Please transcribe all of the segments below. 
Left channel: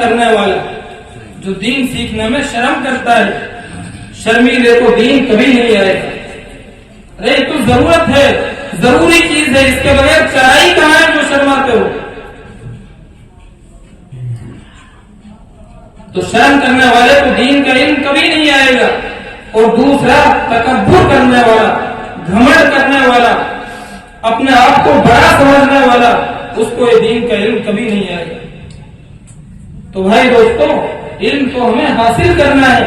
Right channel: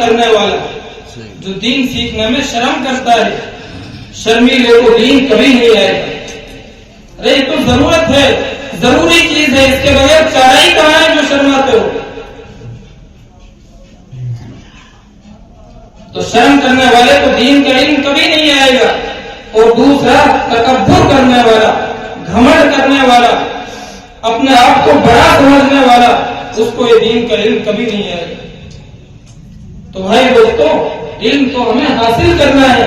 کرنے والا جو دین سیکھنے میں شرم کرتا ہے، شرمیلے کو دین کبھی نہیں آئے گا۔ ارے یہ تو ضرورت ہے، ضروری چیز ہے، اس کے بغیر چارہ ہی کہاں ہے جو شرماتے ہو؟ تو شرم کرنے والے کو دین کا علم کبھی نہیں آئے گا۔ اور دوسرا، تکبر کرنے والا، گھمنڈ کرنے والا، اپنے آپ کو بڑا سمجھنے والا، اس کو یہ دین کا علم کبھی نہیں آئے گا۔ تو بھائی دوستوں، علم تو ہمیں حاصل کرنا ہے،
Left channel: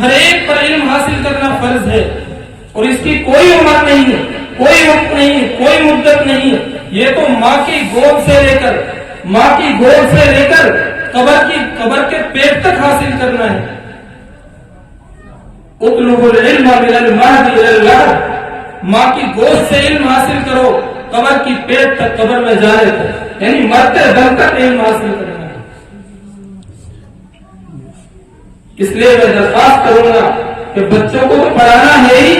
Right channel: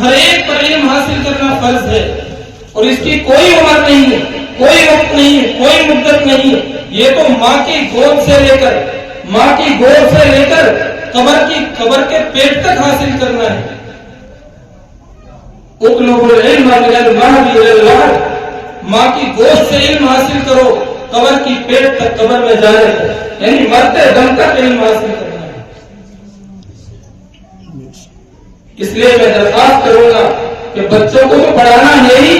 ہر ایک پر علم حاصل کرنا فرض ہے، اور اس کی کوئی عمر نہیں ہے، کوئی وقت نہیں ہے، کوئی مدت نہیں ہے۔ یہ تو ماں کی گود سے لے کر قبر کے پیٹ تک حاصل کرنا ہے۔ اطلبوا العلم من المهد الى اللحد، ماں کی گود سے علم حاصل کرو، قبر کی پیٹ تک، قبر میں جانے تک، یعنی مرتے دم تک علم حاصل کرنا ہے۔ اس لیے میں درخواست کروں گا کہ بچوں کو تو پڑھانا ہے ہی،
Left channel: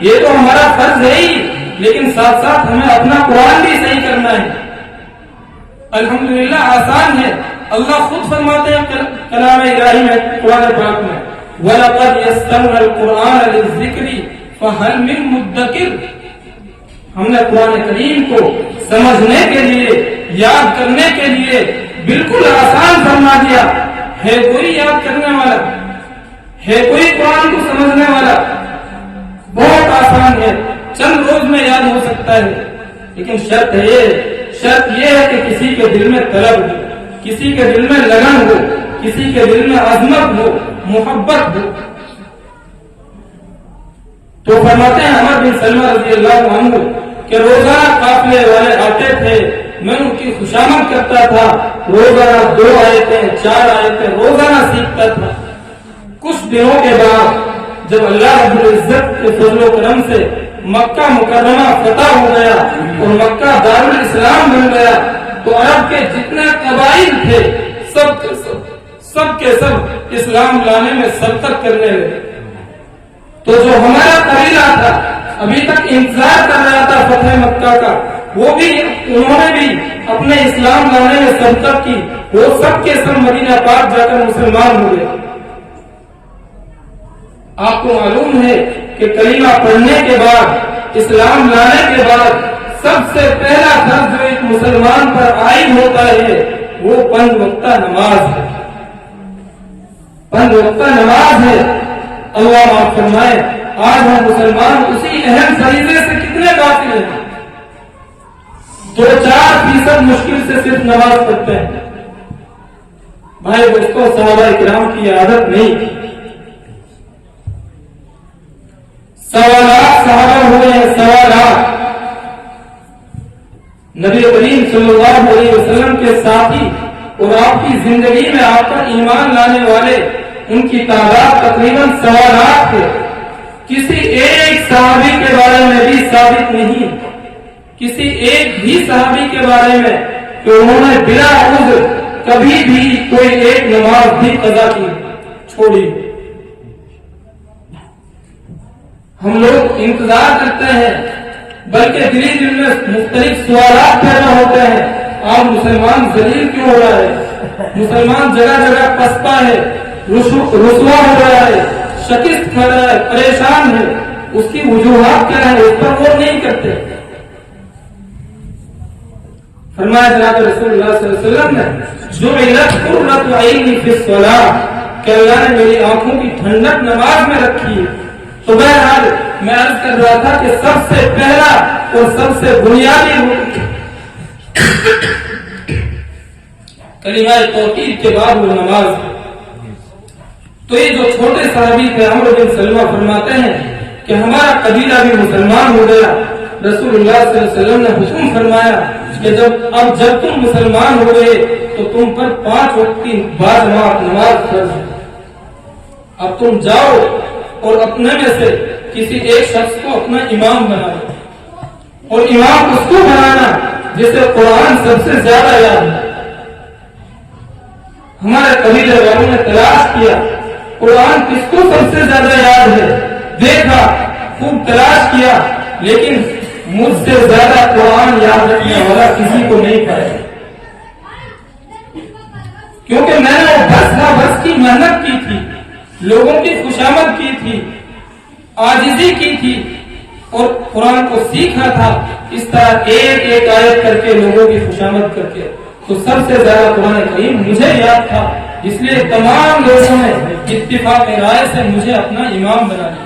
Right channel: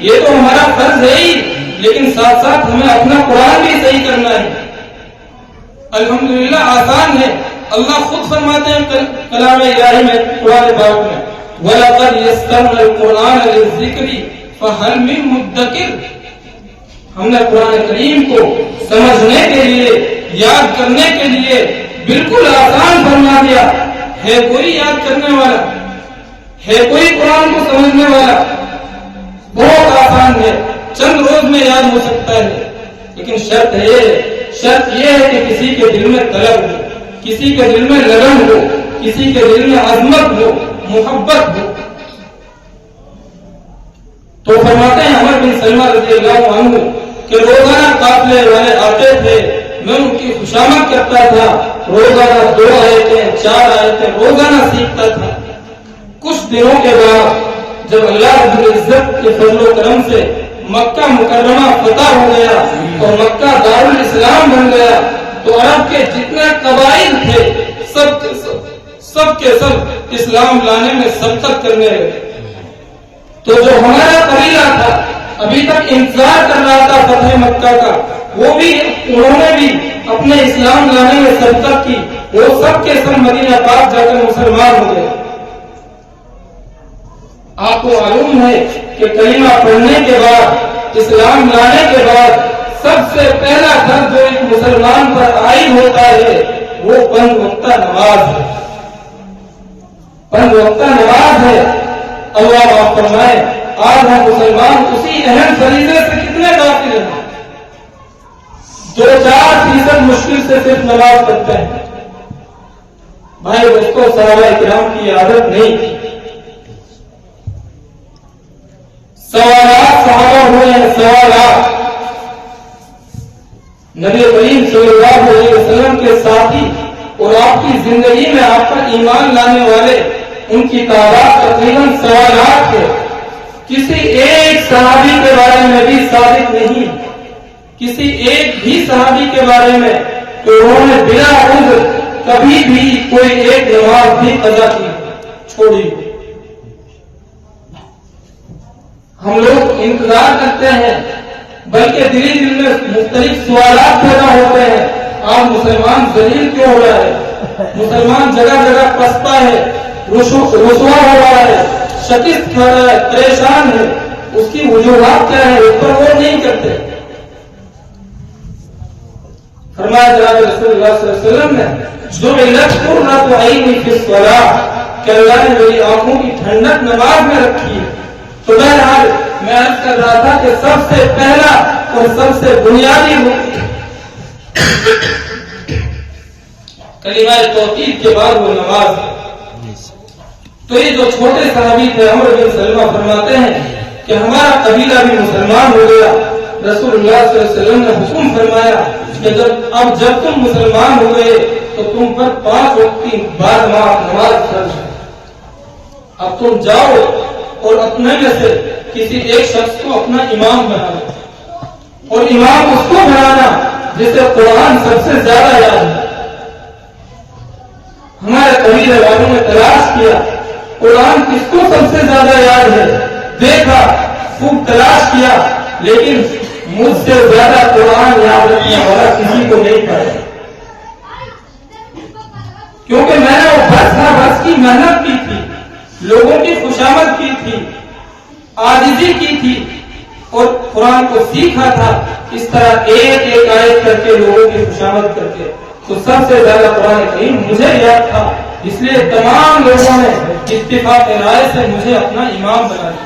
یہ تو ہمارا فرض ہے ہی، لیکن ساتھ ساتھ ہمیں اپنا قرآن بھی صحیح کرنا ہے۔ الحمدللہ آسان ہے، اللہ خود فرماتے ہیں کلام الہی میں، قرآن پاک میں، وَلَقَدْ يَسَّرْنَا الْقُرْآنَ لِلذِّكْرِ فَهَلْ مِن مُدَّكِرٍ، ہم نے قرآن کریم کو سمجھنے کے لیے، یاد کرنے کے لیے بالکل آسان فرما دیا۔ ہے کوئی یاد کرنے والا؟ ہے کوئی قرآن کو سمجھنے والا؟ بہت آسان ہے، چند روز میں یاد ہو سکتا ہے، لیکن شرط یہ ہے کہ کسی کے دل میں طلب ہو، کسی کے دل میں لگن ہو، کسی کے دل میں عظمت ہو، محبت ہو۔ تو فرماتے ہیں عمر بن سلمہ رضی اللہ عنہ کہ روزانہ قافلے والے آتے تھے، میں ان کی خوشامد کرتا تھا، روزانہ 2 آیتیں 4 آیتیں روزانہ سیکھتا تھا۔ کچھ دنوں کے بعد جب اللہ رب العزت کے فضل و کرم سے مکہ مکرمہ فتح ہو گیا اور مکہ دارالاسلام بن گیا، تو عرب کے جتنے قبائل تھے سب کے سب اسلام لانے میں سبقت کرنے لگے۔ تو جو ہمارا قبیلہ تھا، ابھی تک انتظار کر رہا تھا فتح مکہ کا، انہوں نے بھی اپنے اسلام لانے میں سبقت کی، وہ سب کے سب مدینہ پاک جا کر مسلمان ہو گئے۔ آپ کو معلوم ہے کہ کلمہ پڑھنے کے بعد، اسلام لانے کے بعد سب سے پہلا فرض جو ایک مسلمان پر عائد ہوتا ہے وہ 5 وقتہ نماز ہے۔ 5 وقتہ نماز ہے۔ اللہ معاف فرمائے، آج ہم مسلمان اسی اہم فریضے سے کتنے غافل ہیں؟ 2-4% مشکل سے صرف نماز پڑھتے ہیں۔ بھائی دوستوں، صحابہ کرام کی عادت نہیں تھی۔ 1.25 لاکھ صحابہ ہوئے ہیں، 1.25 لاکھ۔ نبی کریم صلی اللہ علیہ وسلم کے ساتھی اور آپ کی زندگی میں آپ پر ایمان لانے والے، ان کی تعداد تقریباً 1.25 لاکھ ہے۔ کسی ایک صحابی کے بارے میں بھی ثابت نہیں، کسی ایک بھی صحابی کے بارے میں کہ انہوں نے بلا عذر کبھی بھی کوئی ایک نماز بھی قضا کی چھوڑی۔ ہم لوگ انتظار کرتے ہیں، بلکہ دل میں مختلف سوالات پیدا ہوتے ہیں۔ آج مسلمان ذلیل کیوں ہو رہا ہے؟ مسلمان جگہ جگہ پسپا ہے، رسوا ہو رہا ہے، شکست کھا رہا ہے، پریشان ہے۔ اس کی وجوہات کیا ہے؟ اس پر غور نہیں کرتے۔ فرمایا جناب رسول اللہ صلی اللہ علیہ وسلم نے، جعلت قرۃ عینی فی الصلاۃ، کہ اللہ نے میری آنکھوں کی ٹھنڈک نماز میں رکھی ہے۔ تو بہرحال میں عرض کر رہا تھا کہ سب سے پہلا اور سب سے بنیادی کلمہ توحید کے بعد وہ نماز ہے۔ تو یہ جو چھوٹے صحابی تھے عمر بن سلمہ فرماتے ہیں کہ ہمارا قبیلہ بھی مسلمان ہو گیا۔ رسول اللہ صلی اللہ علیہ وسلم نے حکم فرمایا کہ جب تم مسلمان ہو گئے تو تم پر 5 وقت کی بعد نماز فرض ہے۔ اب تم جاؤ اور اپنے میں سے کسی ایک شخص کو اپنا امام بنا لو، اور امام اس کو بنانا جسے قرآن سب سے زیادہ یاد ہے۔ ہمارے قبیلے والوں نے تلاش کیا قرآن کس کو سب سے زیادہ یاد ہے، دیکھا، خوب تلاش کیا، لیکن مجھ سے زیادہ قرآن یاد رکھنے والا کسی کو نہیں پایا، کیونکہ میں نے محنت کی تھی, لوگوں کی خوشامد کی تھی, عاجزی کی تھی اور قرآن کو سیکھا تھا اس طرح ایک ایک آیت کر کے لوگوں کی خوشامد کر کے, تو سب سے زیادہ قرآن کریم مجھے یاد تھا, اس لیے تمام لوگوں نے اتفاق رائے سے مجھے اپنا امام بنا لیا.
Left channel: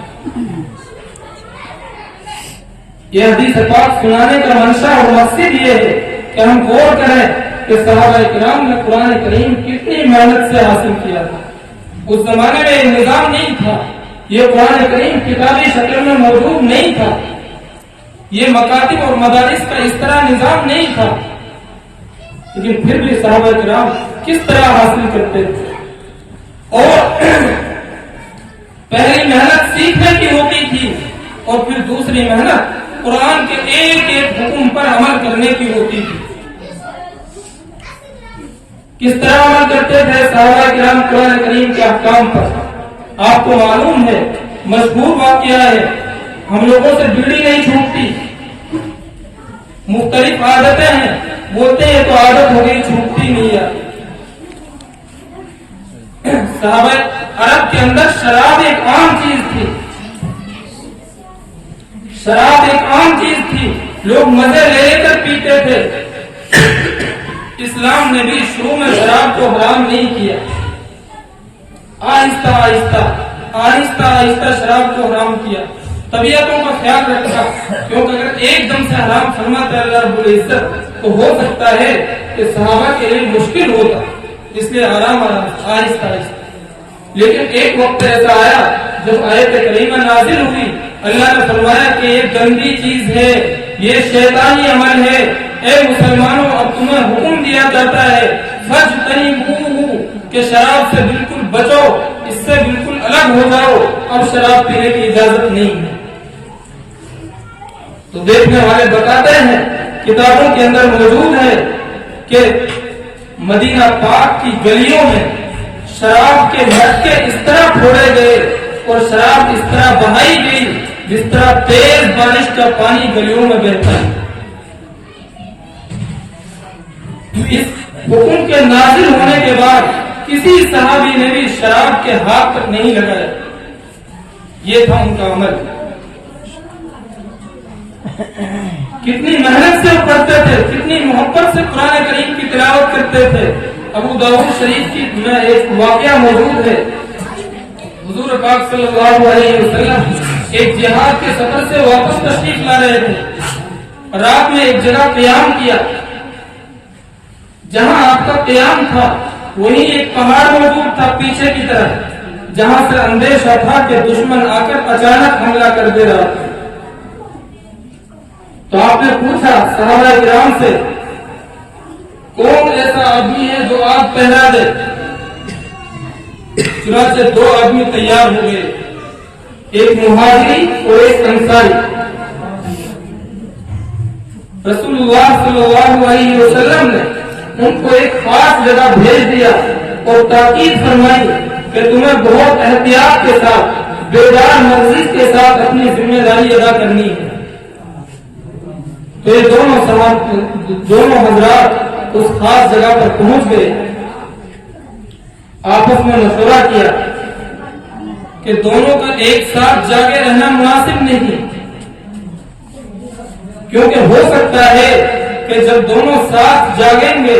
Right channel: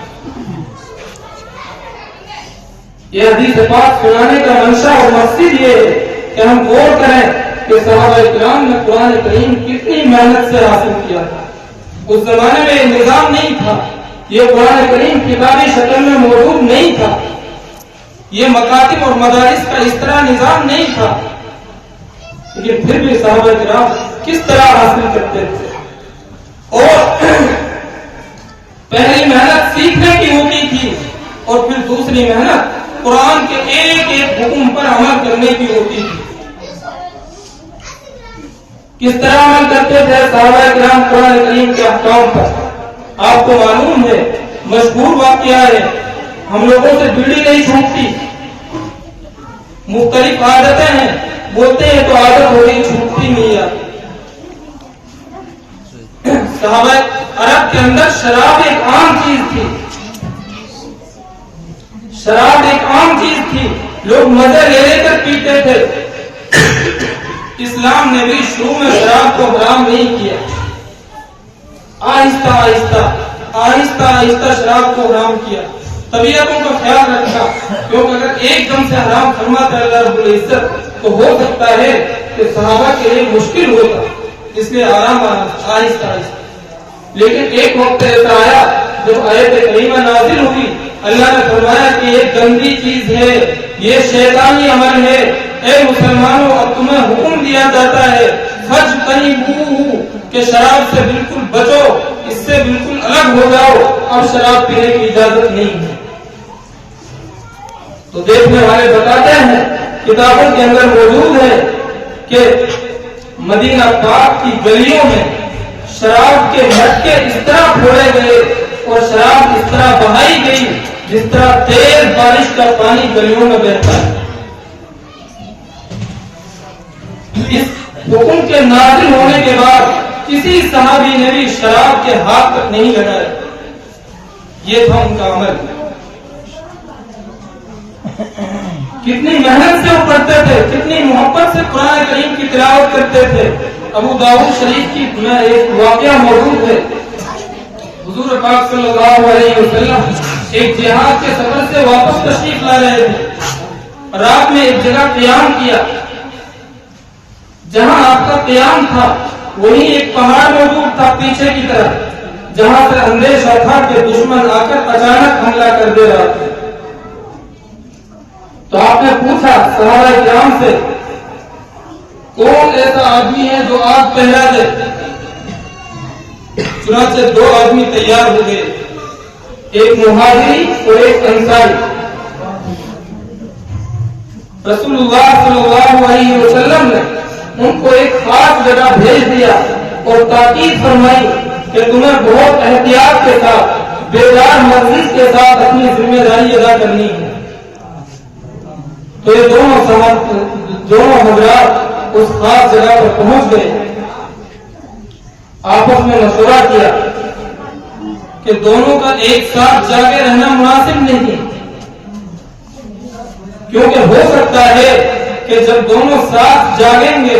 یہ حدیث پاک سنانے کا منشا اور مقصد یہ ہے کہ ہم غور کریں کہ صحابہ کرام نے قرآن کریم کتنی محنت سے حاصل کیا تھا. اس زمانے میں یہ نظام نہیں تھا, یہ قرآن کریم کتابی شکل میں موجود نہیں تھا, یہ مکاتب اور مدارس کا اس طرح نظام نہیں تھا, لیکن پھر بھی صحابہ کرام کس طرح حاصل کرتے تھے. اور پہلی محنت سیکھنے کی ہوتی تھی اور پھر دوسری محنت قرآن کے ایک ایک حکم پر عمل کرنے کی ہوتی تھی. کس طرح عمل کرتے تھے صحابہ کرام قرآن کریم کے احکام پر؟ آپ کو معلوم ہے, مشہور واقعہ ہے, ہم لوگوں سے بیڑی نہیں چھوٹتی, مختلف عادتیں ہیں, بولتے ہیں تو عادت ہو گئی, چھوٹتی نہیں آتی. صحابہ عرب کے اندر شراب ایک عام چیز تھی, شراب ایک عام چیز تھی, لوگ مزے لے لے کر پیتے تھے. اسلام نے بھی شروع میں شراب کو حرام نہیں کیا, آہستہ آہستہ آہستہ آہستہ شراب کو حرام کیا, طبیعتوں کا خیال رکھا, کیونکہ اگر ایک دم سے حرام فرماتا ہے اللہ رب العزت تو ہو سکتا ہے کہ صحابہ کے لیے مشکل ہوتا, اس لیے آرام آرام آہستہ آہستہ. لیکن ایک وقت ایسا آیا جب آیت کریمہ نازل ہوئی, اللہ نے فرمایا کہ یہ گندی چیز ہے, یہ شیطانی عمل ہے, اے مسلمانوں اب تمہیں حکم دیا جاتا ہے فاجتنبوہ کہ شراب سے بالکل بچو, اس سے بالکل الگ ہو جاؤ, اب شراب پینے کی اجازت نہیں ہے. تو دیکھنے والے بتاتے ہیں کتابوں کے اندر موجود ہے کہ مدینہ پاک کی گلیوں میں شراب کے مٹکے اس طرح پھوڑے گئے اور شراب اس طرح بہائی گئی جس طرح تیز بارش کا پانی گلیوں میں بہتا ہے. اس حکم کے نازل ہونے کے بعد کسی صحابی نے بھی شراب کے ہاتھ تک نہیں لگایا, یہ تھا ان کا عمل. کتنی محنت سے وہ پڑھتے تھے, کتنی محبت سے قرآن کریم کی تلاوت کرتے تھے. ابو داؤد شریف کی میں ایک واقعہ موجود ہے, حضور پاک صلی اللہ علیہ وسلم ایک جہاد کے سفر سے واپس تشریف لا رہے تھے, رات میں ایک جگہ قیام کیا, جہاں آپ کا قیام تھا وہیں ایک پہاڑ موجود تھا پیچھے کی طرف, جہاں سے اندیشہ تھا کہ دشمن آ کر اچانک حملہ کر دے رہا تھا. تو آپ نے پوچھا صحابہ کرام سے کون ایسا آدمی ہے جو آگ پہرا دے. چنانچہ دو آدمی تیار ہو گئے, ایک مہاجری اور ایک انصاری. رسول اللہ صلی اللہ علیہ وسلم نے ان کو ایک خاص جگہ بھیج دیا اور تاکید فرمائی کہ تمہیں بہت احتیاط کے ساتھ بیدار مغز کے ساتھ اپنی ذمہ داری ادا کرنی ہے. تو یہ دونوں حضرات اس خاص جگہ پر پہنچ گئے, آپس میں مشورہ کیا کہ دونوں کا ایک ساتھ جاگے رہنا مناسب نہیں, کیونکہ ہو سکتا ہے کہ جب دونوں ساتھ جاگیں گے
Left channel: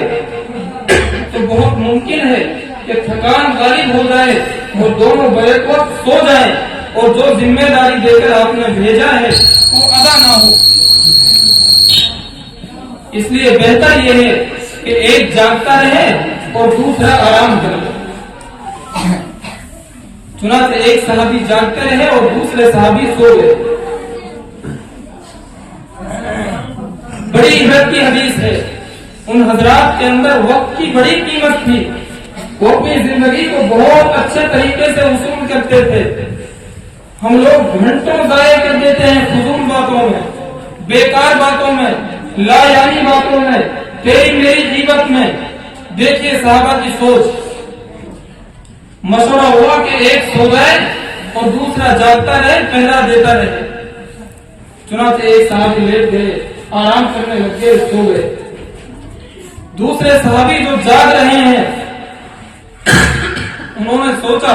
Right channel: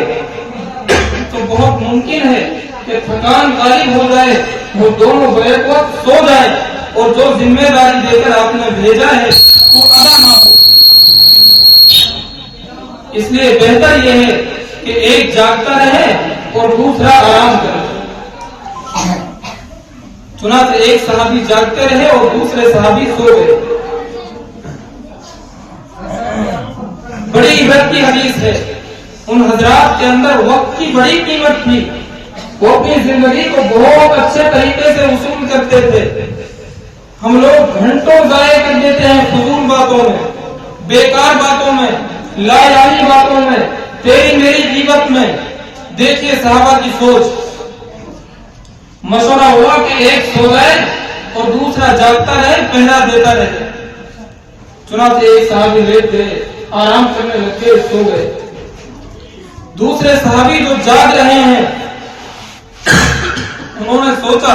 تو بہت ممکن ہے کہ تھکان غالب ہو جائے, وہ دونوں بیک وقت سو جائیں اور جو ذمہ داری دے کر آپ نے بھیجا ہے وہ ادا نہ ہو. اس لیے بہتر یہ ہے کہ ایک جاگتا رہے اور دوسرا آرام کرے. چنانچہ ایک صحابی جاگتے رہے اور دوسرے صحابی سو گئے. بڑی عبرت کی حدیث ہے, ان حضرات کے اندر وقت کی بڑی قیمت تھی, وہ اپنی زندگی کو بہت اچھے طریقے سے وصول کرتے تھے. ہم لوگ گھنٹوں ضائع کر دیتے ہیں فضول باتوں میں, بیکار باتوں میں, لا یعنی باتوں میں, تیری میری غیبت میں. دیکھیے صحابہ کی سوچ, مشورہ ہوا کہ ایک سو جائے اور دوسرا جاگتا رہے, پہرا دیتا رہے. چنانچہ ایک صحابی لیٹ گئے, آرام کرنے لگے, سو گئے. دوسرے صحابی جو جاگ رہے ہیں انہوں نے سوچا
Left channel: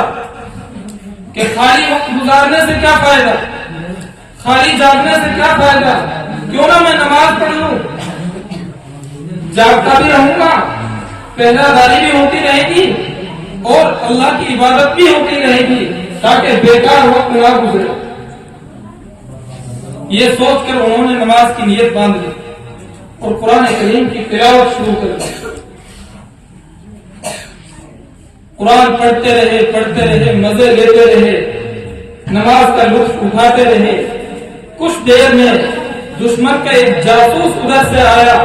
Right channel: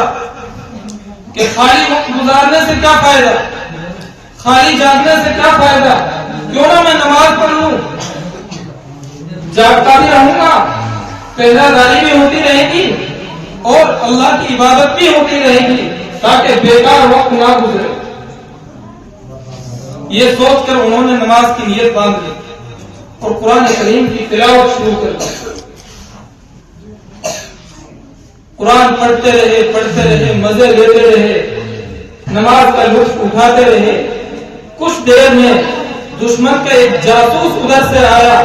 کہ خالی وقت گزارنے سے کیا فائدہ، خالی جاگنے سے کیا فائدہ، کیوں نہ میں نماز پڑھوں، جاگتا بھی رہوں گا، پہرہ داری بھی ہوتی رہے گی اور اللہ کی عبادت بھی ہوتی رہے گی تاکہ بیکار وقت نہ گزرے۔ یہ سوچ کر انہوں نے نماز کی نیت باندھ لی اور قرآن کریم کی تلاوت شروع کر دی۔ قرآن پڑھتے رہے، مزے لیتے رہے، نماز کا لطف اٹھاتے رہے۔ کچھ دیر میں دشمن کا ایک جاسوس ادھر سے آیا،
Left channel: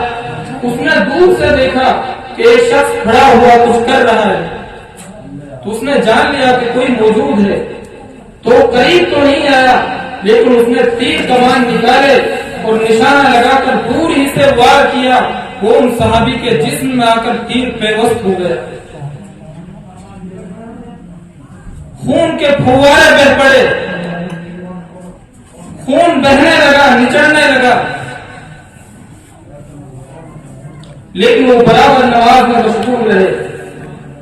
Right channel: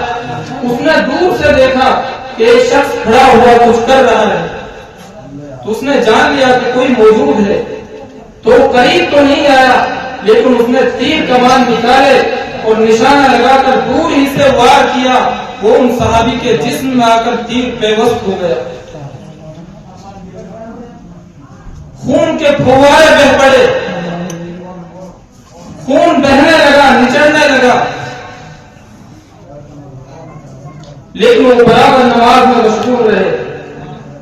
اس نے دور سے دیکھا کہ ایک شخص کھڑا ہوا کچھ کر رہا ہے، تو اس نے جان لیا کہ کوئی موجود ہے، تو قریب تو نہیں آیا لیکن اس نے تیر کمان نکالے اور نشانہ لگا کر دور ہی سے وار کیا، وہ ان صحابی کے جسم میں آ کر تیر پیوست ہو گیا، خون کے پھوارے بہ پڑے، خون بہنے لگا، نچڑنے لگا، لیکن وہ برابر نماز میں مشغول رہے۔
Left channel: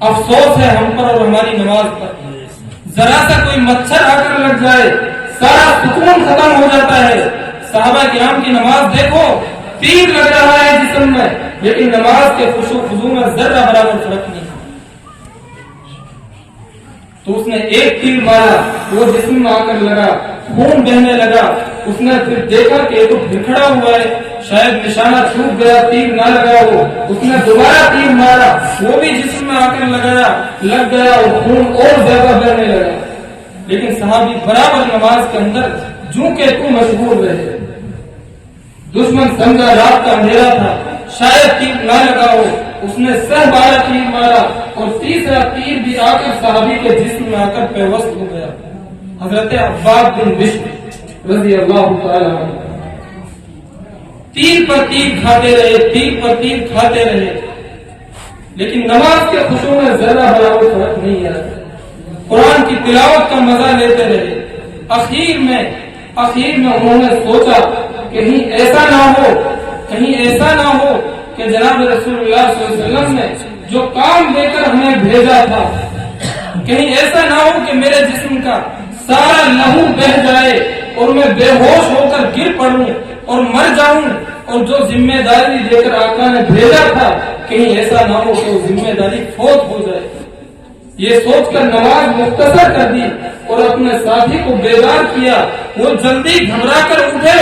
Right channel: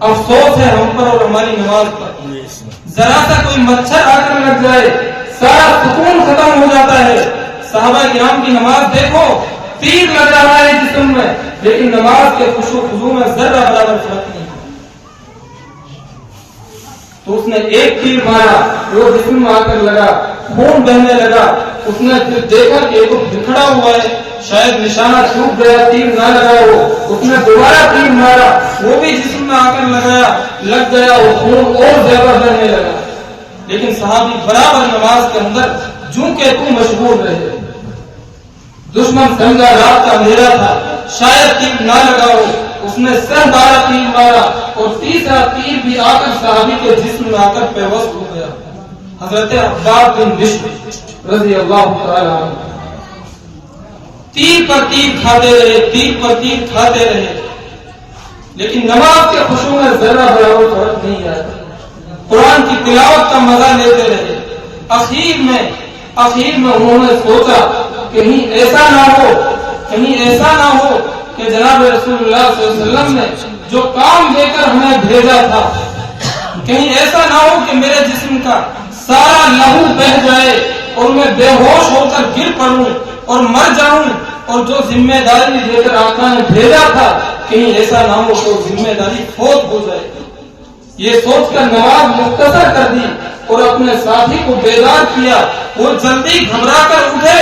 افسوس ہے ہم پر اور ہماری نماز پر، ذرا سا کوئی مچھر آ کر لگ جائے سارا سکون ختم ہو جاتا ہے۔ صحابہ کرام کی نماز دیکھو، تیر لگ رہا ہے جسم میں لیکن نماز کے خشوع خضوع میں ذرہ برابر فرق نہیں۔ تو اس نے ایک تیر مارا، وہ جسم میں آ کر لگا، خون بہنے لگا، اس نے پھر دیکھا کہ ایک کھڑا ہوا ہے، شاید نشانہ چھوٹ گیا، تیر نہ لگا، وہ اس نے دوبارہ تیر مارا، وہ بھی جسم میں آ کر لگ گیا اور خون اور زیادہ بہنے لگا، لیکن صحابی برابر نماز کے اندر جوں کہ تو مشغول رہے۔ دشمن سمجھا رات کا اندھیرا تھا، شاید تیر نہ لگا ہو، اس نے 12 تیر مارا اور تیسرا تیر بھی آ کر صحابی کے جسم میں آ کر پیوست ہو گیا۔ حضرت عباد بن بشر رضی اللہ تعالی عنہ تیر پر تیر کھاتے رہے، تیر پر تیر کھاتے رہے، لیکن نماز کے خشوع میں ذرہ برابر فرق نہیں آیا۔ قرآن کی تلاوت کا مزہ لیتے رہے۔ اخیر میں انہوں نے سوچا کہیں ایسا نہ ہو کہ جناب رسول اللہ صلی اللہ علیہ وسلم نے جو کام دے کر ہمیں بھیجا تھا، کہیں ایسا نہ ہو کہ میرے جسم کا سارا لہو بہ جائے اور میں بے ہوش ہو کر گر پڑوں اور مر جاؤں، اور جو ذمہ داری دے کر آقا نے بھیجا تھا کہیں ایسا نہ ہو تو ذمہ داری فوت ہو جائے۔ یہ سوچ کر نماز مختصر کر دی اور اپنے ساتھی کو بیدار کیا۔ وہ جلدی گھبرا کر اٹھے،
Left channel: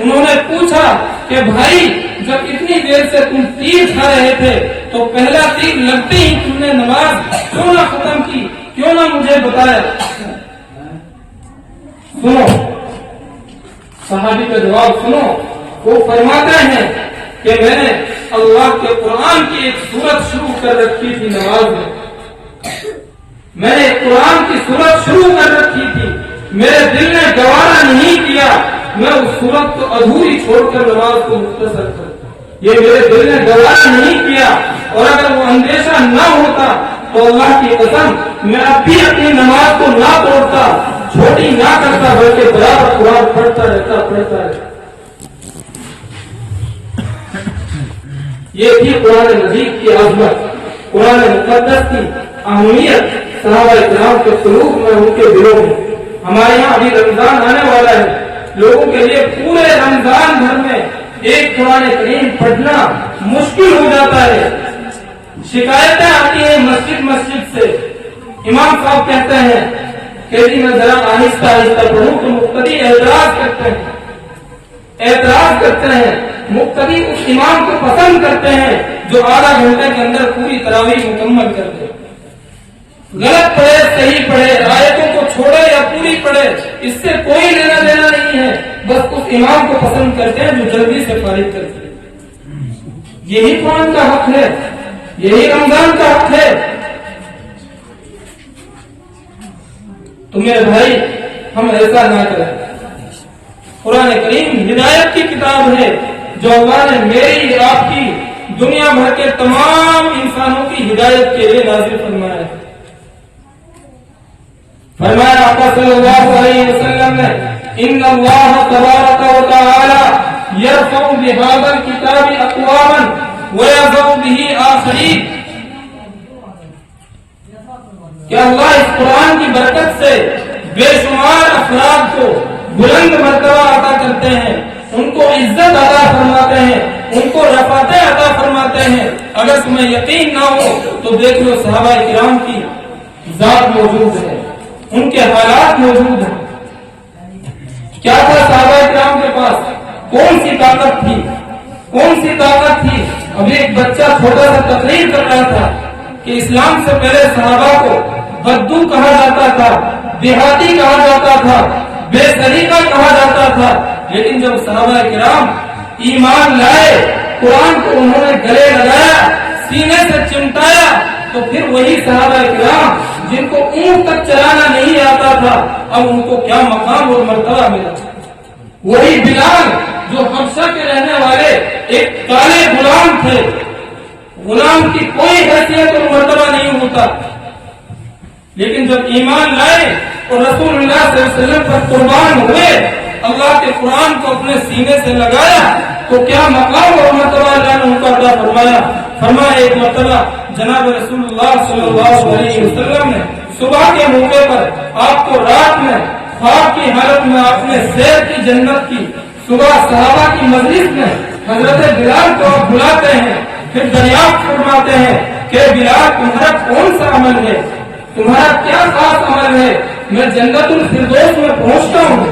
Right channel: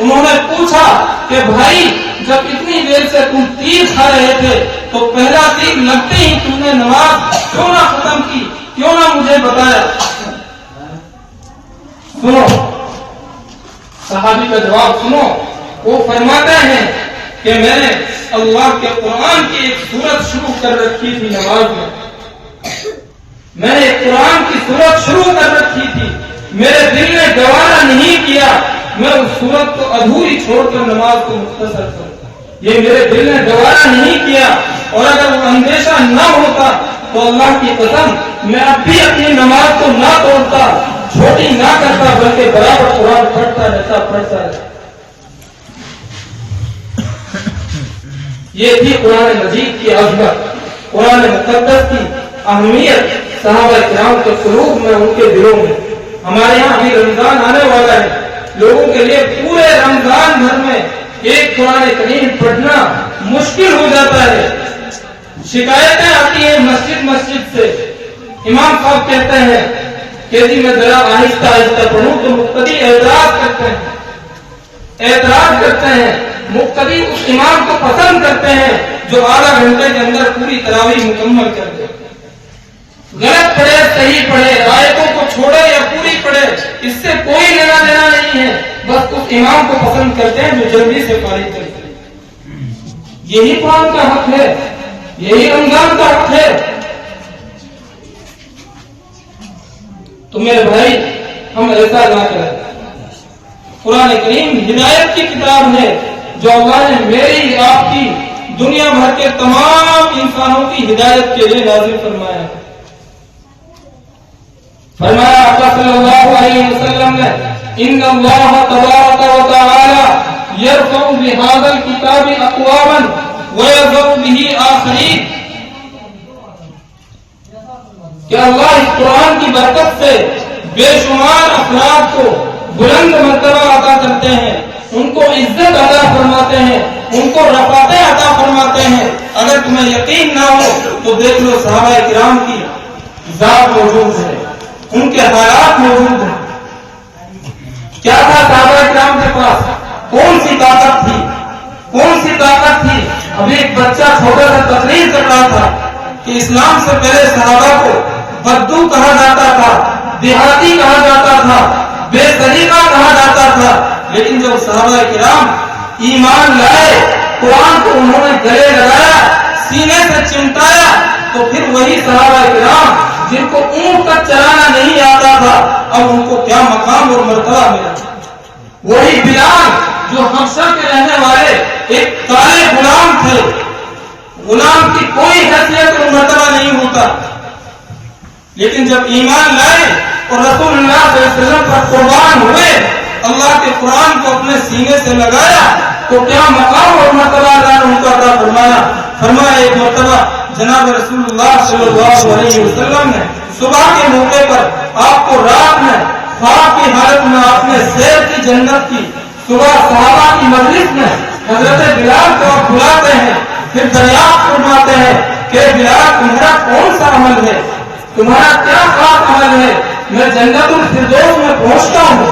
انہوں نے پوچھا کہ بھائی جب اتنی دیر سے تم تیر کھا رہے تھے تو پہلا تیر لگتے ہی تم نے نماز کیوں نہ ختم کی، کیوں نہ مجھے بتایا؟ سنو صحابی کا جواب سنو، وہ فرماتے ہیں کہ میں نے اللہ کے قرآن کی ایک سورت شروع کر رکھی تھی نماز میں نے قرآن کی سورت شروع کر رکھی تھی، میرے دل نے گوارا نہیں کیا میں اس سورت کو ادھوری چھوڑ کر نماز کو مختصر کرتا، یہ میرے دل نے گوارا نہیں کیا، اور اگر وہ اندیشہ نہ ہوتا تو اللہ کی قسم میں اب بھی اپنی نماز کو نہ توڑتا، چھوٹی نہ کرتا، بلکہ برابر قرآن پڑھتا رہتا۔ یہ تھی قرآن مجید کی عظمت، قرآن مقدس کی اہمیت صحابہ کرام کے قلوب میں، ان کے دلوں میں۔ ہمارے یہاں ابھی رمضان آنے والا ہے، لوگوں کے لیے پورے رمضان بھر میں ایک قرآن کریم پڑھنا مشکل ہو جاتا ہے۔ شکایتیں آتی ہیں مسجد سے، امام صاحب کہتے ہیں کہ جی میں ذرا آہستہ پڑھوں تو مقتدی اعتراض کرتے ہیں، مقتدی اس امام کو پسند کرتے ہیں جو آدھا گھنٹے کے اندر پوری تراویح مکمل کر دے۔ غلط پڑھے صحیح پڑھے، آیتوں کو چھوڑے یا پوری پڑھے، اس سے کوئی لینا دینا نہیں ہے، بس اس امام کو پسند کرتے ہیں جو جلدی سے فارغ کرتے ہیں۔ یہی قرآن کا حق ہے، یہی رمضان کا حق ہے۔ تو میرے بھائی ہم ایسا نہ کریں۔ قرآن کریم ہدایت کی کتاب ہے جو اللہ نے میری آپ کی دنیا بھر کے تمام انسانوں کی ہدایت کے لیے نازل فرمایا ہے۔ فرمایا آقا صلی اللہ علیہ وسلم نے ان اللہ تبارک و تعالی یرفع بهذا الكتاب اقواما ويضع به آخرین۔ کہ اللہ اس قرآن کی برکت سے بے شمار افراد کو بلند مرتبہ عطا کرتے ہیں، ان کو عزت عطا فرماتے ہیں، ان کو رفعتیں عطا فرماتے ہیں۔ اگر تمہیں یقین نہ ہو تو دیکھ لو صحابہ کرام کی ذات موجود ہے، ان کے حالات موجود ہیں۔ کیا تھا صحابہ کرام کے پاس؟ کون سی طاقت تھی؟ کون سی طاقت تھی؟ ابھی ایک بچہ چھوٹا سا تقریر کر رہا تھا کہ اسلام سے پہلے صحابہ کو بدو کہا جاتا تھا، دیہاتی کہا جاتا تھا، بے سلیقہ کہا جاتا تھا، لیکن جب صحابہ کرام ایمان لائے، قرآن کو انہوں نے گلے لگایا، سینے سے چمٹایا، تو پھر وہی صحابہ کرام جن کو اونٹ تک چلانا نہیں آتا تھا، اب ان کو کیا مقام اور مرتبہ ملا۔ وہی بلال جو حبشہ کے رہنے والے ایک کالے غلام تھے، غلام کی کوئی حیثیت اور مرتبہ نہیں ہوتا، لیکن جب ایمان لائے اور رسول اللہ صلی اللہ علیہ وسلم پر قربان ہوئے، اللہ کے قرآن کو اپنے سینے سے لگایا، تو کیا مقام اور مرتبہ اللہ نے ان کا عطا فرمایا۔ فرمایا ایک مرتبہ جناب رسول اللہ صلی اللہ علیہ وسلم نے صبح کے موقع پر آپ کو رات میں خواب کی حالت میں آپ نے سیر کی جنت کی، صبح صحابہ کی مجلس میں حضرت بلال کو آپ بلاتے ہیں، پھر دریافت فرماتے ہیں کہ بلال تمہارا کون سا عمل ہے، تمہارا کیا خاص عمل ہے؟ میں جنت الفردوس میں پہنچتا ہوں،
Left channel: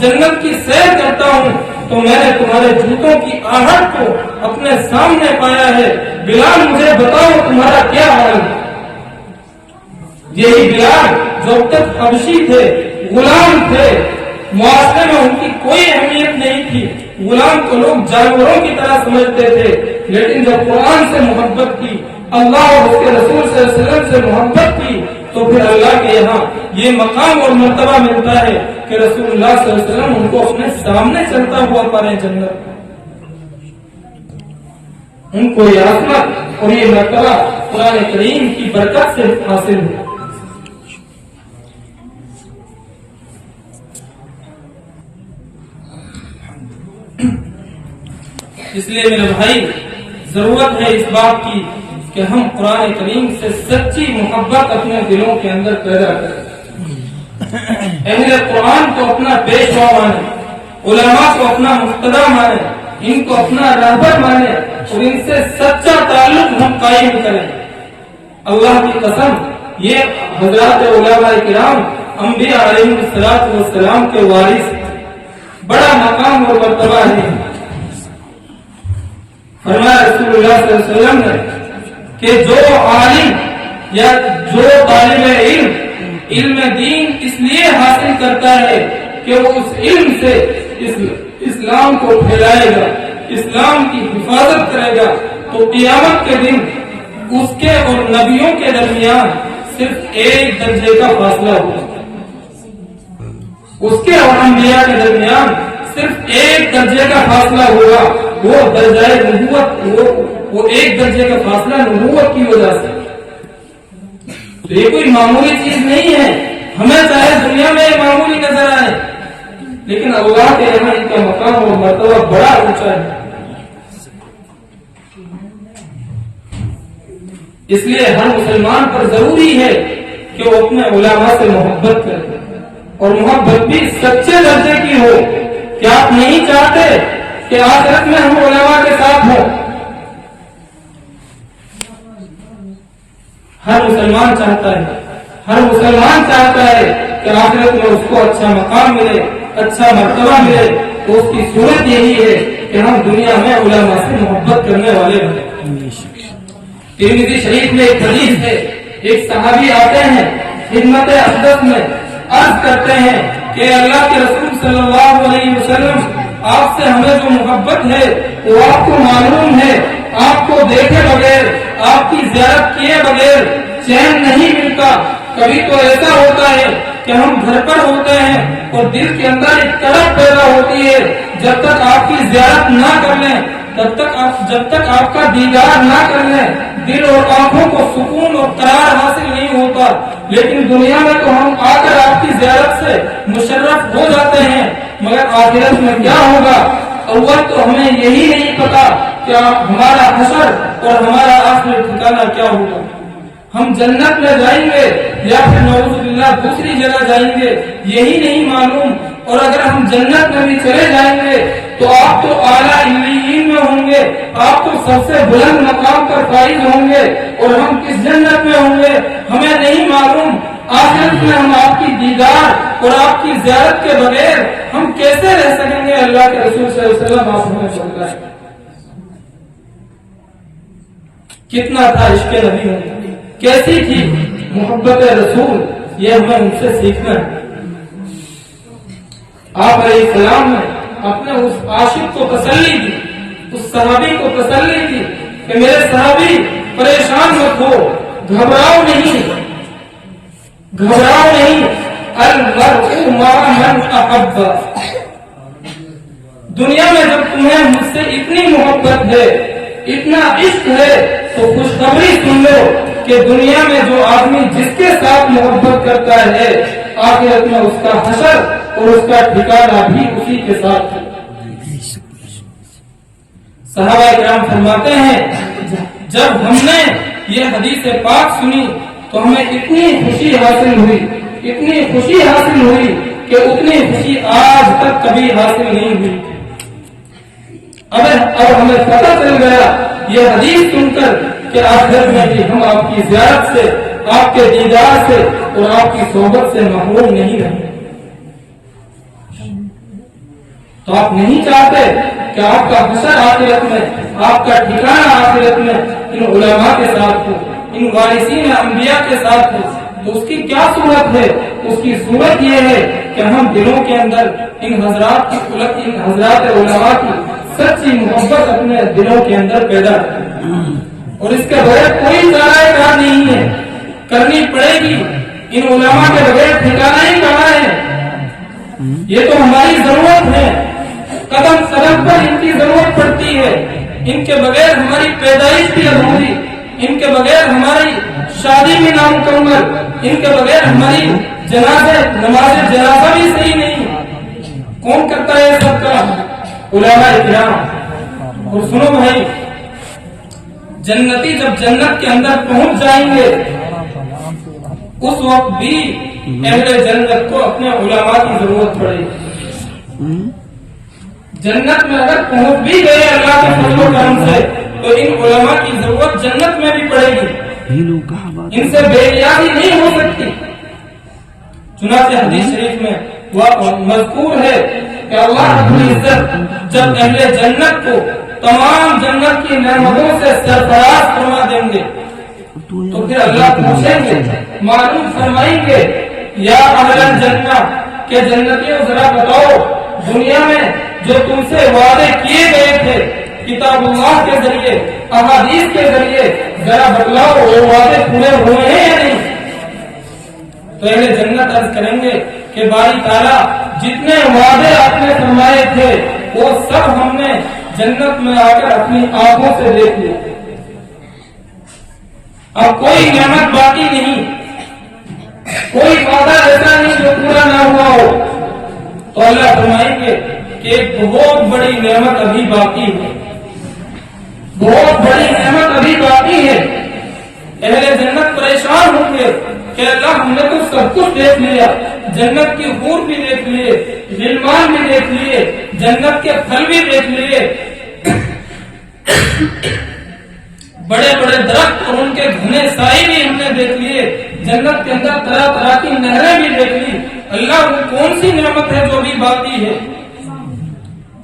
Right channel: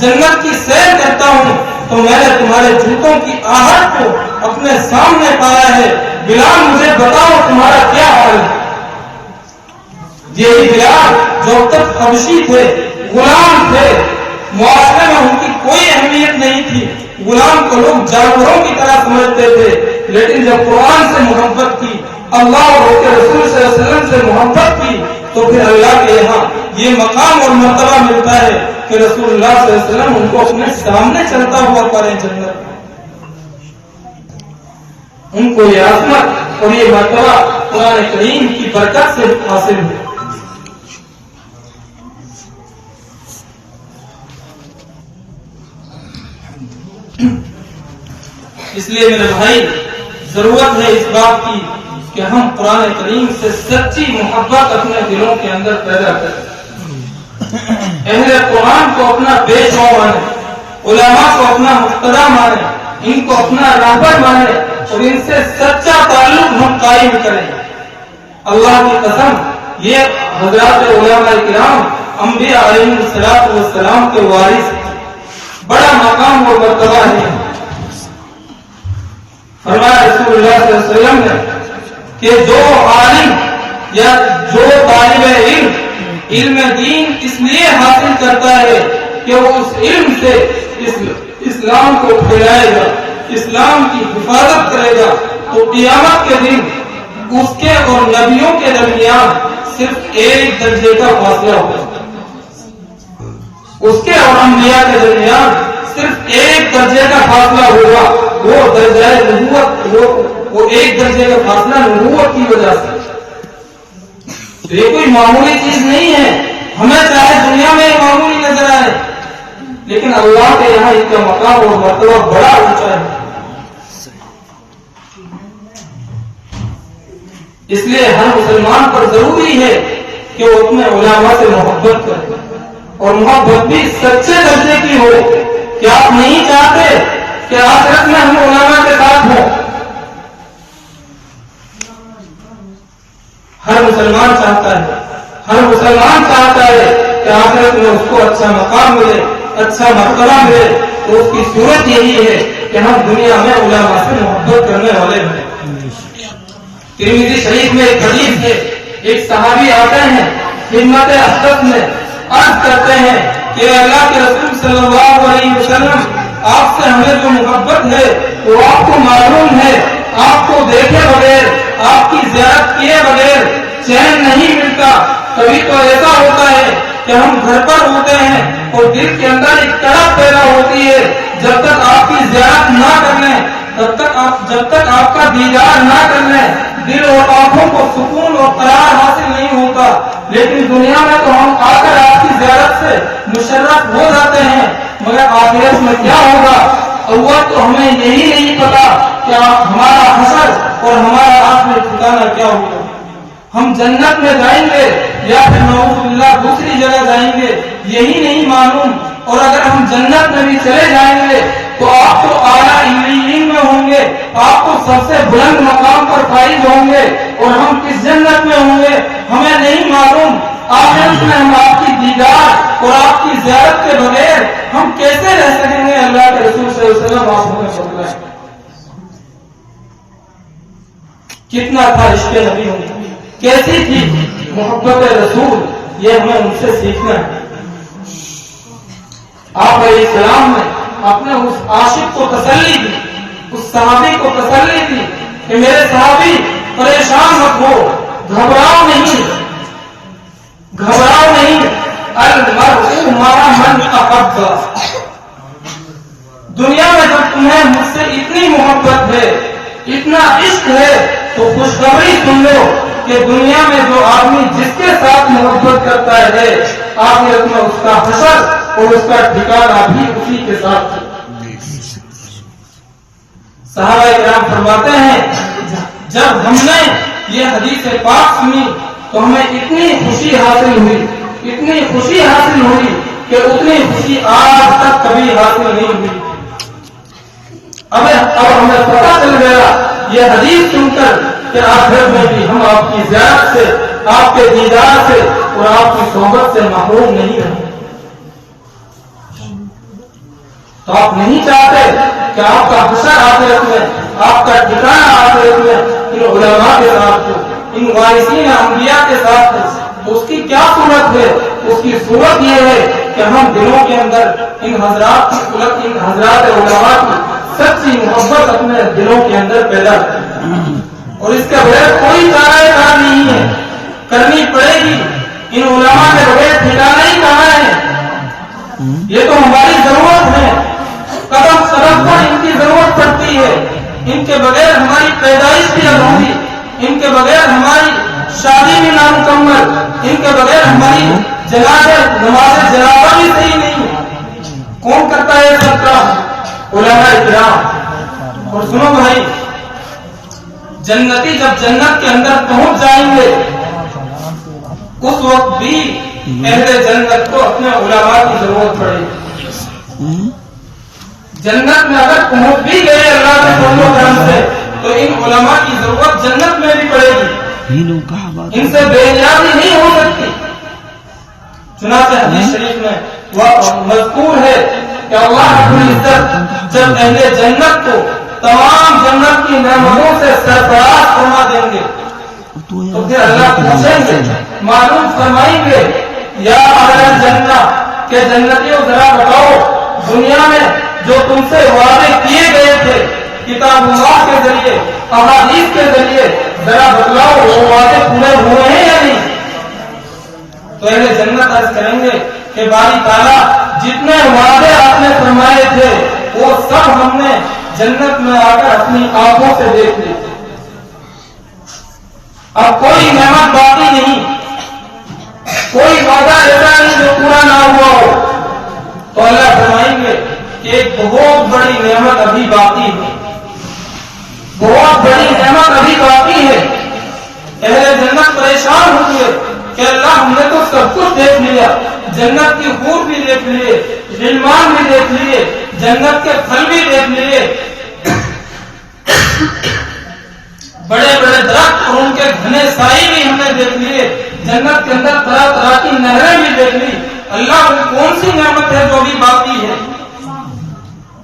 جنت کی سیر کرتا ہوں، تو میں نے تمہارے جوتوں کی آہٹ کو اپنے سامنے پایا ہے، بلال مجھے بتاؤ تمہارا کیا حال ہے۔ یہی بلال جو اب تک حبشی تھے، غلام تھے، معاشرے میں ان کی کوئی اہمیت نہیں تھی، غلام کو لوگ جانوروں کی طرح سمجھتے تھے، لیکن جب قرآن سے محبت کی، اللہ اور اس کے رسول صلی اللہ علیہ وسلم سے محبت کی، تو پھر اللہ کے یہاں یہ مقام اور مرتبہ ملتا ہے کہ رسول اللہ صلی اللہ علیہ وسلم ان کو اپنے سامنے چلتا ہوا پائیں جنت۔ ان کو یہ عظمت اور یہ مرتبہ قرآن کریم کی برکت سے حاصل ہے۔ اس لیے میرے بھائی ضرورت ہے اس بات کی کہ ہم قرآن کریم سے سچی محبت اپنے دلوں کے اندر پیدا کریں، اہل قرآن کو اپنا پیشوا مانے، علماء کو اپنا مقتدا مانے، ان کو اپنا رہبر مانے اور ان سے سچا تعلق ہم قائم کریں۔ اللہ کی قسم یہ حضرات علماء کرام انبیاء علیہ السلام کے وارث، بڑا مقام اور مرتبہ ہے۔ فرمایا رسول اللہ صلی اللہ علیہ وسلم نے کہ جو عالم یا جو طالب علم دین اس لیے حاصل کرتا ہے کہ وہ اس علم سے اسلام کو پھیلائے گا، اسلام کی حفاظت کرے گا، تو قیامت کے دن اس کے اور نبیوں کے درمیان صرف ایک درجے کا فاصلہ ہوگا، اس کے اور انبیاء کے درمیان صرف ایک درجے کا فاصلہ ہوگا، وہ درجہ نبوت، وہ ایک درجے کا فاصلہ نبوت کی وجہ سے۔ تو یہ کوئی معمولی چیز نہیں ہے، ہمیں چاہے دنیا میں معمولی نظر آئے، لیکن اللہ کے یہاں ان کا مقام اور مرتبہ بڑا اونچا ہے۔ اس لیے ہر مسلمان پر ضروری ہے کہ وہ اپنے علماء سے محبت کرے، اور محبت بھی سچے درجے کی ہو۔ کیا آپ نہیں چاہتے کہ آخرت میں ہم علماء کے ساتھ ہوں؟ ہر مسلمان چاہتا ہے، ہر مسلمان چاہتا ہے کہ آخرت میں اس کو اچھا مقام ملے، اچھا مرتبہ ملے، تو اس کی صورت یہی ہے کہ ہم دنیا میں علماء سے محبت کرنے والے ہیں۔ ترمذی شریف میں ایک حدیث ہے، ایک صحابی آتے ہیں خدمت اقدس میں، عرض کرتے ہیں کہ اللہ کے رسول صلی اللہ علیہ وسلم آپ سے ہمیں جو محبت ہے وہ آپ کو معلوم ہے، آپ کو دیکھے بغیر، آپ کی زیارت کیے بغیر چین نہیں ملتا۔ کبھی تو ایسا ہوتا ہے کہ ہم گھر پر ہوتے ہیں اور دل کے اندر ایک تڑپ پیدا ہوتی ہے، جب تک آپ کی زیارت نہ کر لیں، جب تک آپ کا دیدار نہ کر لیں، دل اور آنکھوں کو سکون اور قرار حاصل نہیں ہوتا۔ لیکن دنیا میں تو ہم آ کر آپ کی زیارت سے مشرف ہو جاتے ہیں، مگر آخرت میں کیا ہوگا؟ اول تو ہمیں یہی نہیں پتا کہ ہمارا حشر اور ہمارا آخری ٹھکانہ کیا ہوگا۔ ہم جنت میں جائیں گے یا پھر نعوذ باللہ دوسری جگہ جائیں گے یہی نہیں معلوم. اور اگر ہم جنت میں بھی چلے جائیں گے تو آپ تو اعلیٰ علیین میں ہوں گے, آپ تو سب سے بلند مقام پر فائز ہوں گے, اور ہم کس جنت میں ہوں گے ہمیں نہیں معلوم. آخرت میں ہم آپ کی دیدار اور آپ کی زیارت کے بغیر ہم کیسے رہ سکیں گے؟ اللہ کے رسول صلی اللہ علیہ وسلم آپ ہمیں فرمائیں کتنا تھا عشق نبی ہوں, کیسی تھی محبت رسول, یہ ہمیں ان سے سیکھنا ہے. آپ علیہ السلام نے اپنے اس عاشق کو تسلی دی, اس صحابی کو تسلی دی کہ میرے صحابی پریشان مت ہو, گھبراؤ نہیں, گھبراؤ نہیں. المرء مع من احب, دنیا میں جب تمہیں مجھ سے اتنی محبت ہے, اتنا عشق ہے, تو خوشخبری سن لو کہ دنیا میں جو آدمی جس کے ساتھ محبت کرتا ہے آخرت میں اس کا حشر اور اس کا ٹھکانہ بھی اسی کے ساتھ. صحابہ کرام فرماتے ہیں جب ہم نے یہ حدیث پاک سنی تو ہمیں اتنی خوشی حاصل ہوئی, اتنی خوشی حاصل ہوئی کہ اتنی خوشی آج تک کبھی حاصل نہیں ہوئی. اب ہمیں پتہ چل گیا یہ حدیث سن کر کہ آخرت میں بھی ہم آپ کی زیارت سے, آپ کے دیدار سے اور آپ کی صحبت سے محروم نہیں رہیں. تو آپ نہیں چاہتے کہ آپ کا حشر آخرت میں, آپ کا ٹھکانہ آخرت میں ان علماء کے ساتھ ہو, ان وارثین انبیاء کے ساتھ ہو, تو اس کی کیا صورت ہے؟ اس کی صورت یہ ہے کہ ہم دلوں کے اندر ان حضرات علماء کی سچی محبت اپنے دلوں کے اندر پیدا کریں, اور اس کے بغیر کوئی چارہ کار نہیں ہے, کرنی پڑے گی. ان علماء کے بغیر ٹھکانہ ہی کہاں ہے؟ یہ تو ہماری ضرورت ہے, قدم قدم پر ان کی ضرورت پڑتی ہے. ان کے بغیر ہماری پیدائش بھی ادھوری, ان کے بغیر ہماری شادی بھی نامکمل, ان کے بغیر ہماری نماز جنازہ بھی صحیح نہیں. کون کرتا ہے سب کا؟ علماء کرام. اور سنو بھائی, جنتی جب جنت کے اندر پہنچ جائیں گے اس وقت بھی اہل جنت کو اپنے علماء کی ضرورت پڑے گی. جنت میں اگر پہنچ بھی گئے اللہ کے فضل و کرم سے تو ان علماء کی ضرورت جنت میں بھی پڑے گی, ان سے بے نیازی نہیں ہو سکتی. چنانچہ حدیث شریف میں مذکور ہے کہ اللہ رب العزت جب اہل جنت کو تمام جنت کی نعمتوں سے سرفراز فرما دیں گے تو پھر اللہ پوچھیں گے, معلوم فرمائیں گے, یا اہل جنت کہ جنتیوں ذرا بتاؤ دنیا میں جو تم سے وعدے کیے گئے تھے کتاب اللہ کے ذریعے, احادیث کے ذریعے, ذرا بتلاؤ وہ وعدے پورے ہوئے ہیں یا نہیں؟ تو اہل جنت عرض کریں گے کہ باری تعالیٰ جتنے وعدے آپ نے فرمائے تھے وہ سب ہم نے جنت میں آ کر اپنی آنکھوں سے دیکھ لی, اب کوئی نعمت باقی نہیں, کوئی وعدہ ایسا نہیں جو پورا نہ ہوا ہو. تو اللہ فرمائیں گے کہ ایک بہت بڑی نعمت ابھی باقی ہے, بہت بڑی نعمت ابھی باقی ہے. اہل جنت پریشان ہوں گے کہ اللہ ہم نے تو سب کچھ دیکھ لیا, جنت کی حور بھی دیکھ لیے, غلمان بھی دیکھ لیے, جنت کے پھل بھی دیکھ لیے, بڑے بڑے درخت اور ان کے گھنے سائے بھی ہم نے دیکھ لیے, جنت کے اندر طرح طرح کی نہریں بھی دیکھ لی. اللہ وہ کون سی نعمت ہے جو ابھی باقی ہے؟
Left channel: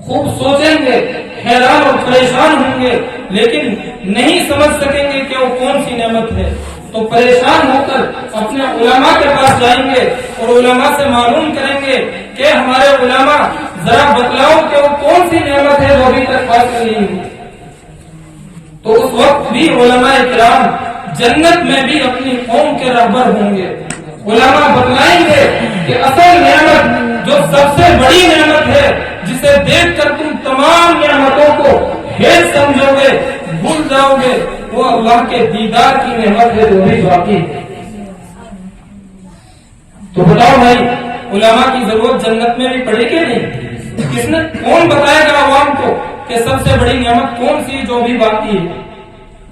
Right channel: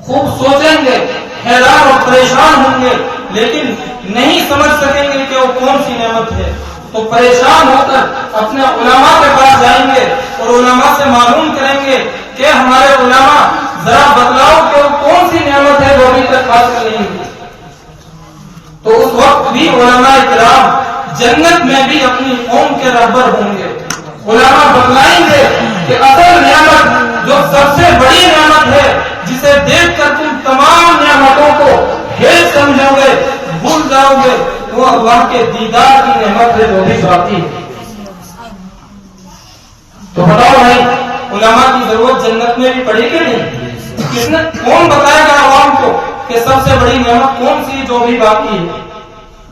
خوب سوچیں گے, حیران اور پریشان ہوں گے, لیکن نہیں سمجھ سکیں گے کہ وہ کون سی نعمت ہے. تو پریشان ہو کر اپنے علماء کے پاس جائیں گے اور علماء سے معلوم کریں گے کہ ہمارے علماء ذرا بتلاؤ کہ وہ کون سی نعمت ہے وہ ابھی تک حاصل نہیں ہوئی. تو اس وقت بھی علماء کرام جنت میں بھی اپنی قوم کے رہبر ہوں گے. علماء بتلائیں گے کہ اصل نعمت جو سب سے بڑی نعمت ہے جسے دیکھ کر تم تمام نعمتوں کو ہیچ سمجھو گے, بھول جاؤ گے, وہ اللہ کے دیدار کی نعمت ہے جو بھی باقی ہے. تو بتاؤ بھائی علماء کی ضرورت جنت میں بھی پڑے گی نہیں؟ کس نے, کون بتائے گا عوام کو کہ سب سے بڑی نعمت کون سی جو بھی باقی ہے؟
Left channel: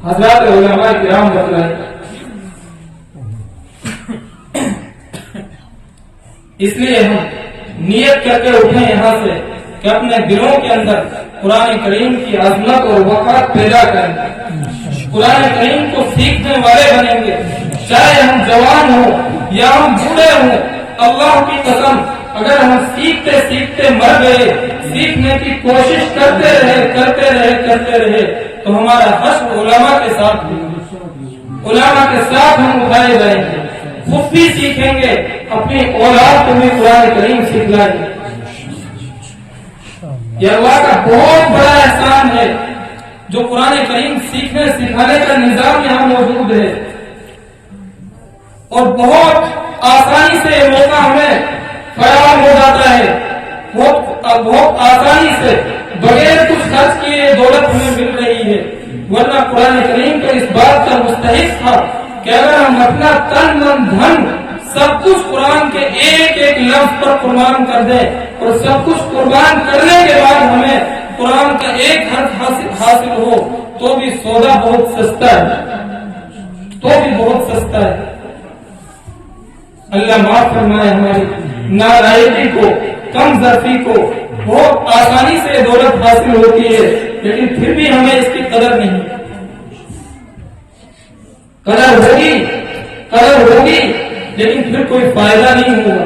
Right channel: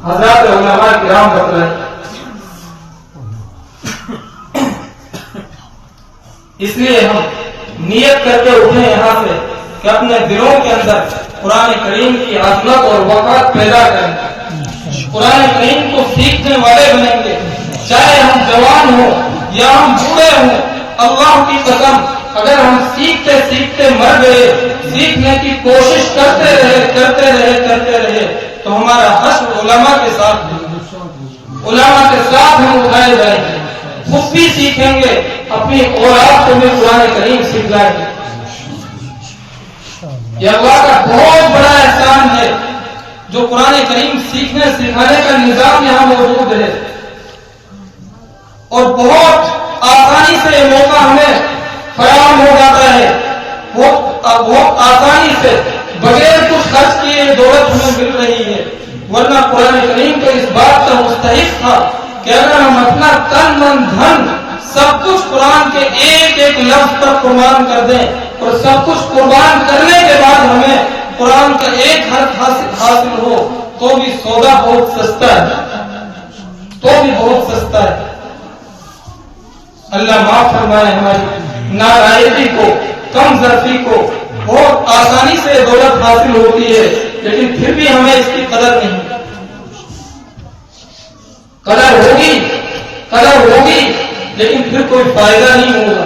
حضرات علماء کرام بتلائیں. اس لیے ہم نیت کر کے اٹھیں یہاں سے کہ اپنے دلوں کے اندر قرآن کریم کی عظمت اور وقار پیدا کریں، قرآن کریم کو سیکھنے والے بنیں گے، چاہے ہم جوان ہوں یا ہم بوڑھے ہوں۔ اللہ کی قسم اگر ہم سیکھتے سیکھتے مر گئے، سیکھنے کی کوشش کرتے رہے تو ہمارا حشر علماء کے ساتھ ہم اٹھائے جائیں گے، خود بھی سیکھیں گے، اپنی اولاد کو بھی قرآن کریم سکھلائیں گے۔ یہ اللہ کا بہت بڑا احسان ہے جو قرآن کریم سیکھنے سکھانے کا نظام یہاں موجود ہے، اور بہت آسانی سے یہ موقع ہمیں فراہم ہو جاتا ہے، بہت آسانی سے بغیر کچھ خرچ کیے دولت ہمیں مل رہی ہے، ورنہ قرآن کریم کا اس بات کا مستحق تھا کہ اگر ہم اپنا تن من دھن سب کچھ قرآن کے ایک ایک لفظ پر قربان کر دیں، اور سب کچھ قربان کرنے کے بعد ہمیں قرآن کا ایک حرف حاصل ہو تو بھی سودا بہت سستا ہے، اللہ معاف فرمائے ہماری نالائقی کو، کم ظرفی کو۔ بہت آسانی سے دولت حاصل ہوتی ہے لیکن پھر بھی ہمیں اس کی قدر نہیں، قدر ہوگی لیکن پھر کوئی فائدہ نہیں ہوگا۔